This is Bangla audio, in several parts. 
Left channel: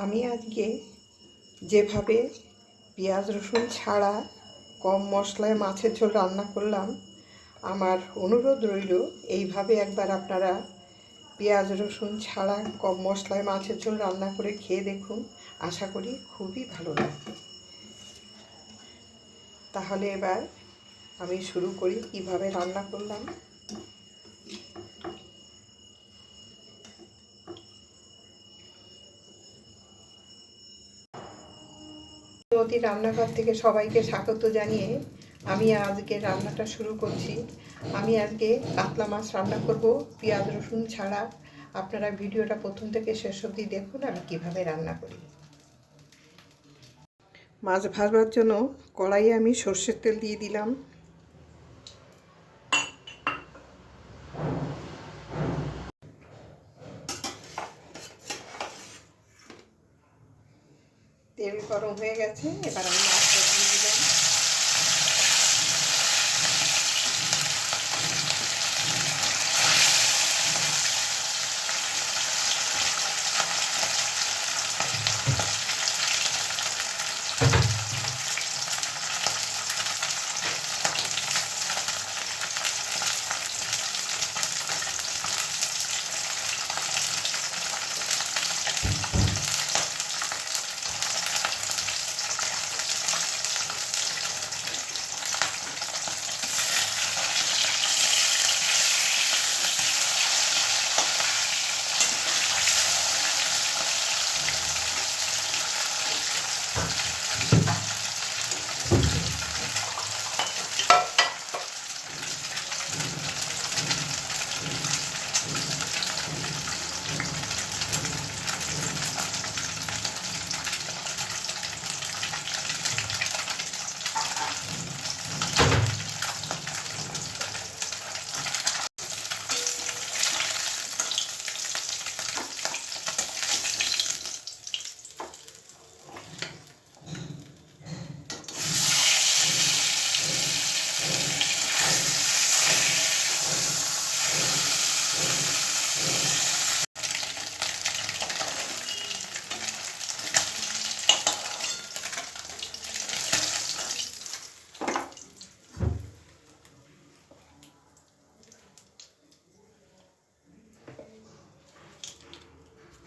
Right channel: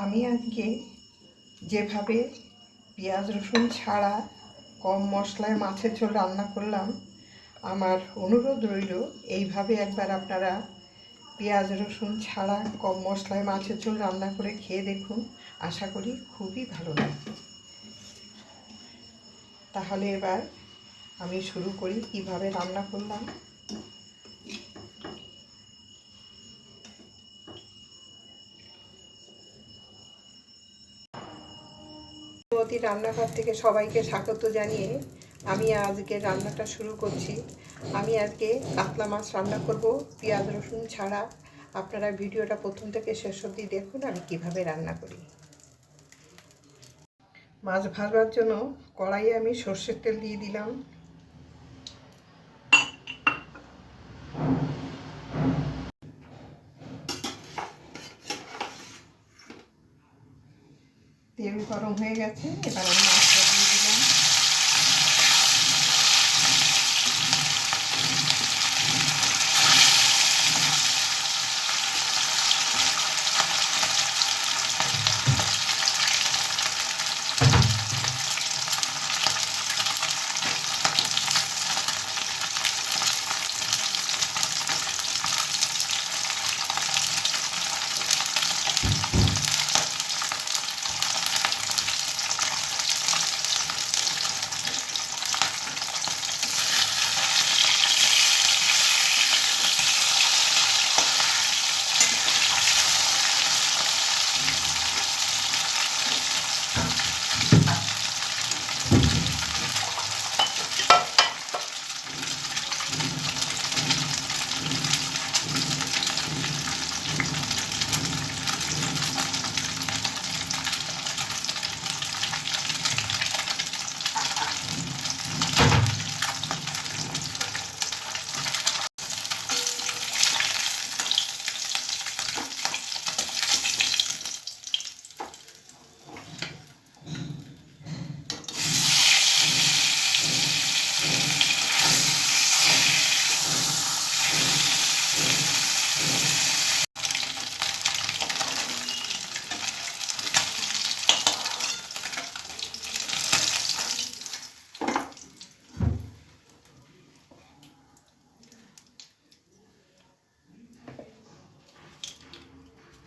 আমি আজকে যেভাবে পেঁয়াজ রসুন ছাড়া কম মশলায় মাছের ঝোল রান্না করলাম, আমার অনুরোধ রইল এইভাবে একবার আপনারা পেঁয়াজ রসুন ছাড়া কম মশলায় মাছের ঝোল রান্না করে খেয়ে দেখুন। আশা করি খুবই ভালো লাগবে। তাহলে এবার আমি শুরু করি কিভাবে রান্না করলাম। মতি রান্নাঘর থেকে সবাইকে স্বাগত জানিয়ে আমি আজকে রান্নাটা শুরু করছি। আমি আজকে কাতলা মাছ রান্না করব পেঁয়াজ রসুন ছাড়া। আপনারা ভিডিওটা প্রথম থেকে শেষ অবধি দেখুন আমি কিভাবে রান্না করি। মাছ ভাজবার জন্য কড়াইয়ে আমি সর্ষের তেল দিয়ে দিলাম। তেল গরম হয়ে গেছে, এবার আমি মাছটা দিয়ে দিলাম।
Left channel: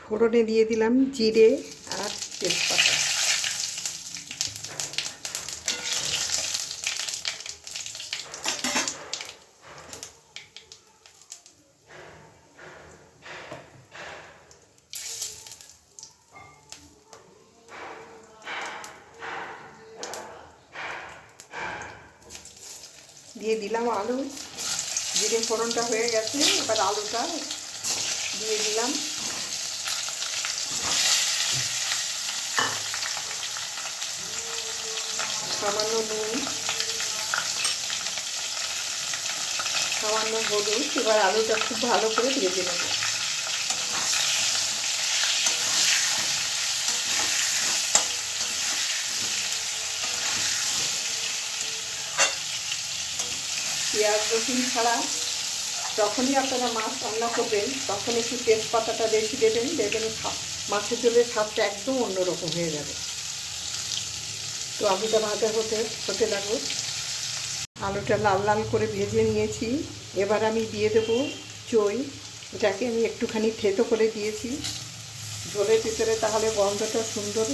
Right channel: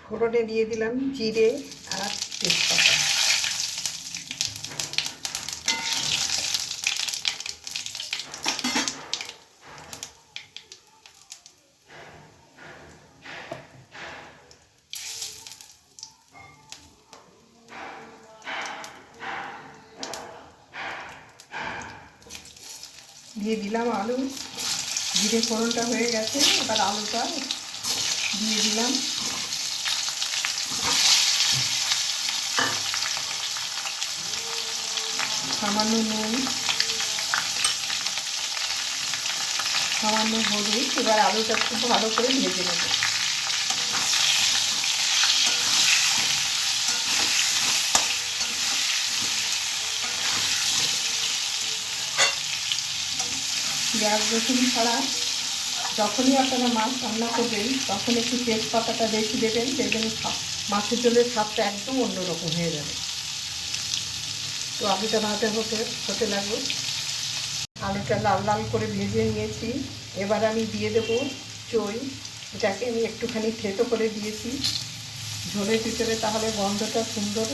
ফোড়নে দিয়ে দিলাম জিরে আর তেজপাতা। দিয়ে দিলাম আলু। জিরে ফোড়নটা হয়ে গেছে, এবার আলুটা দিয়ে দিলাম। সামান্য নুন, সামান্য হলুদ। এবার আলুটা খুব ভালো করে ভেজে নেব। পেঁয়াজ রসুন ছাড়া যখনই আপনারা মাছ রান্না করবেন তখন একটু তেজপাতাটা বেশি দেবেন, দেখবেন মাছের ঝোলের স্বাদটা একদম অন্যরকম হয়ে যাবে। তো আলুটা ভাজা হতে লাগলো। আলুটা লাল লাল করে ভেজে নিয়েছি। এবার আমি দিয়ে দেবো চই। এটাকে আমি একটুখানি থেতো করে দিয়েছি ঝোলের ভিতরে, তাহলে গন্ধটা সুন্দর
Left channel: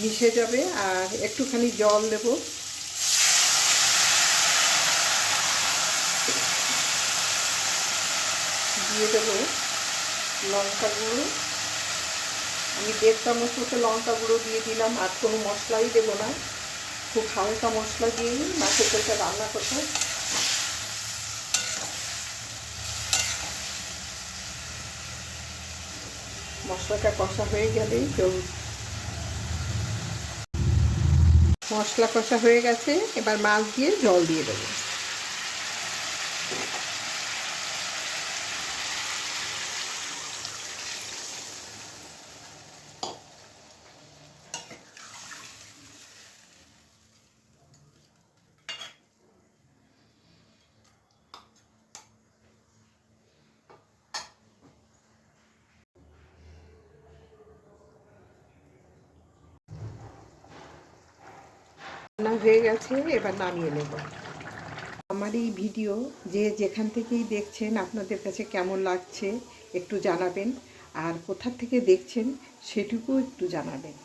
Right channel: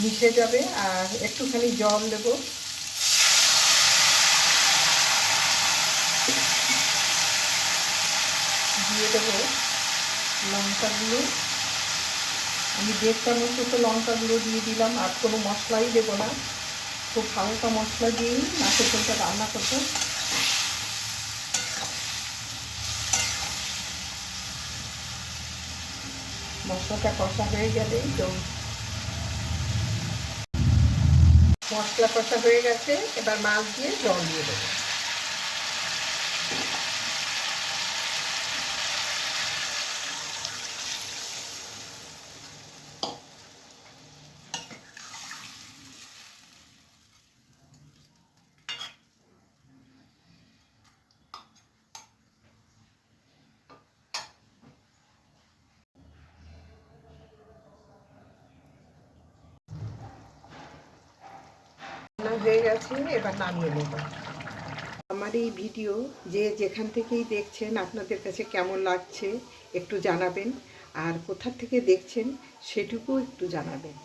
মিশে যাবে। আর একটুখানি জল দেব। দিয়ে দেবো লঙ্কা গুঁড়ো। আমি 1.5 চামচ মতো লঙ্কা গুঁড়ো দিয়ে দিলাম। আর কোনো মশলাই দেবো না, খুব হালকা মশলা দিয়েই মাছের ঝোলটা রান্না করতে। মশলাটা কষা হয়ে গেলেই মশলা কষা হয়ে গেছে, এবার মাছ দিয়ে জল দিয়ে দেবো। হয়ে গেছে, এবার নামিয়ে নেব। আমার এই ভিডিও যে যেখান থেকেই দেখছেন আপনাদের কাছে কেমন লাগছে একটু জানাবেন, আর কোথা থেকে দেখছেন সেটুকু একটু জানাবেন।